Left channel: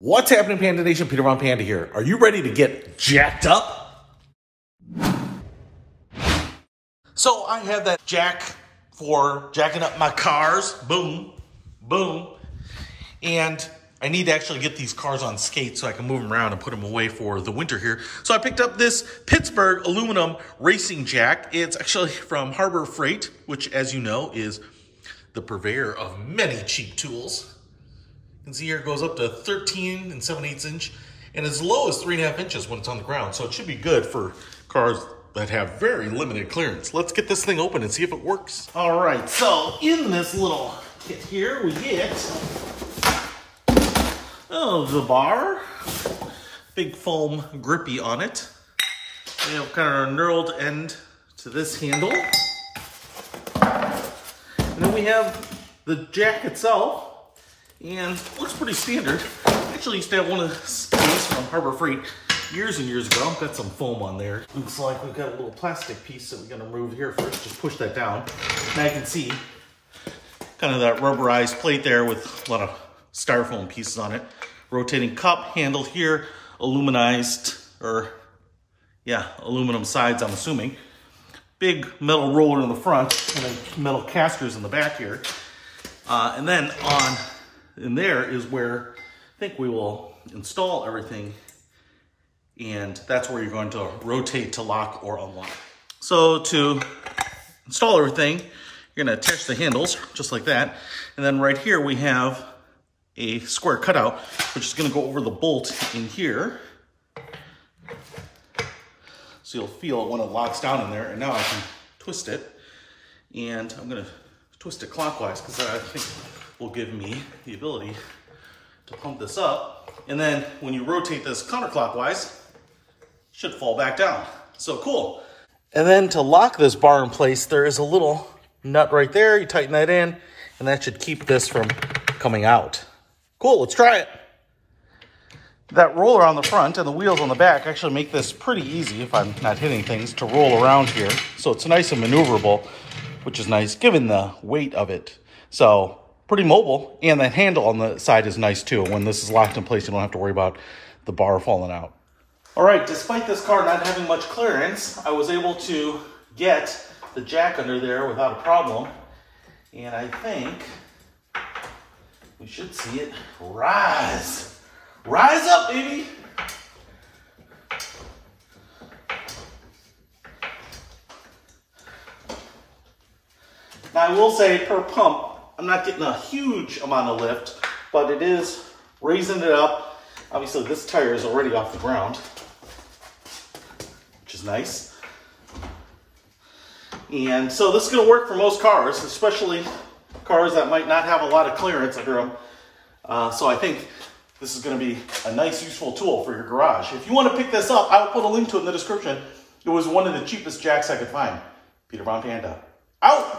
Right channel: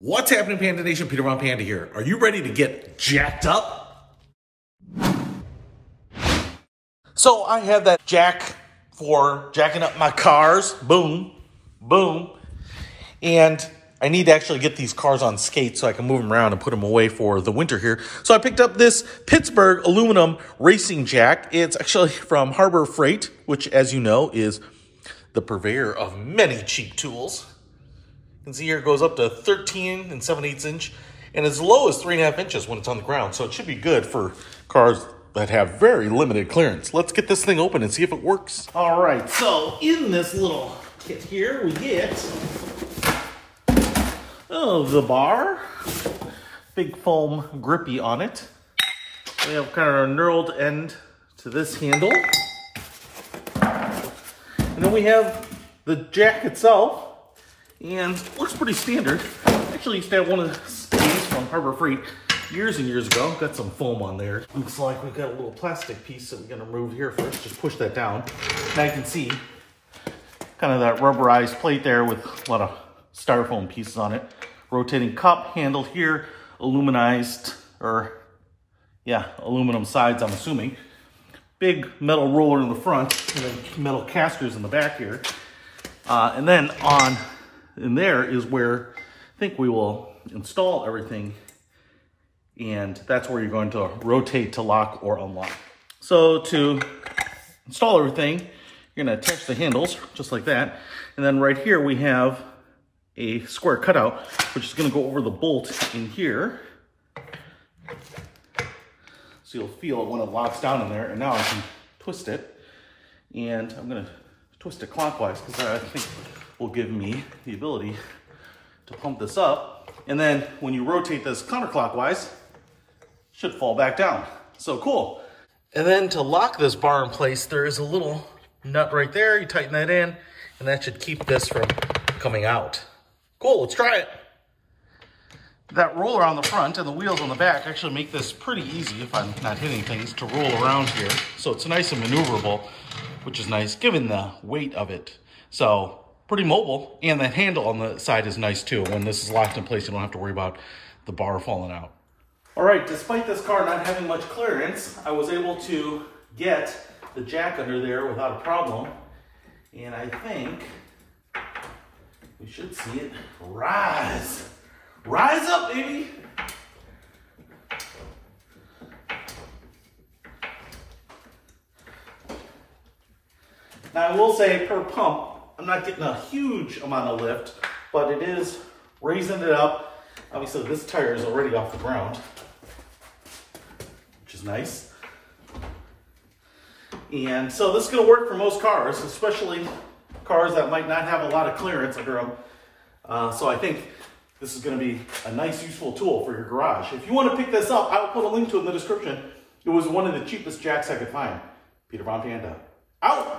What's happening, Panda Nation? Peter Von Panda here. Are you ready to get jacked up? So I have that jack for jacking up my cars. Boom, boom. And I need to actually get these cars on skates so I can move them around and put them away for the winter here. So I picked up this Pittsburgh aluminum racing jack. It's actually from Harbor Freight, which, as you know, is the purveyor of many cheap tools. You can see here it goes up to 13 7/8 inch and as low as 3.5 inches when it's on the ground. So it should be good for cars that have very limited clearance. Let's get this thing open and see if it works. All right, so in this little kit here, we get the bar, big foam grippy on it. We have kind of a knurled end to this handle. And then we have the jack itself. And looks pretty standard. Actually used to have one of these from Harbor Freight years and years ago. Got some foam on there. Looks like we've got a little plastic piece that we're gonna remove here first. Just push that down. Now you can see kind of that rubberized plate there with a lot of styrofoam pieces on it. Rotating cup handle here, aluminized, or yeah, aluminum sides, I'm assuming. Big metal roller in the front and then metal casters in the back here. And then in there is where I think we will install everything, and that's where you're going to rotate to lock or unlock. So to install everything, you're going to attach the handles just like that, and then right here we have a square cutout, which is going to go over the bolt in here. So you'll feel it when it locks down in there, and now I can twist it, and I'm going to twist it clockwise because I think will give me the ability to pump this up. And then when you rotate this counterclockwise, it should fall back down. So cool. And then to lock this bar in place, there is a little nut right there. You tighten that in, and that should keep this from coming out. Cool, let's try it. That roller on the front and the wheels on the back actually make this pretty easy, if I'm not hitting things, to roll around here. So it's nice and maneuverable, which is nice given the weight of it. So pretty mobile, and that handle on the side is nice too. When this is locked in place, you don't have to worry about the bar falling out. All right, despite this car not having much clearance, I was able to get the jack under there without a problem. And I think we should see it rise. Rise up, baby. Now I will say per pump, I'm not getting a huge amount of lift, but it is raising it up. Obviously this tire is already off the ground, which is nice. And so this is gonna work for most cars, especially cars that might not have a lot of clearance under them. So I think this is gonna be a nice, useful tool for your garage. If you wanna pick this up, I will put a link to it in the description. It was one of the cheapest jacks I could find. Peter Von Panda, out.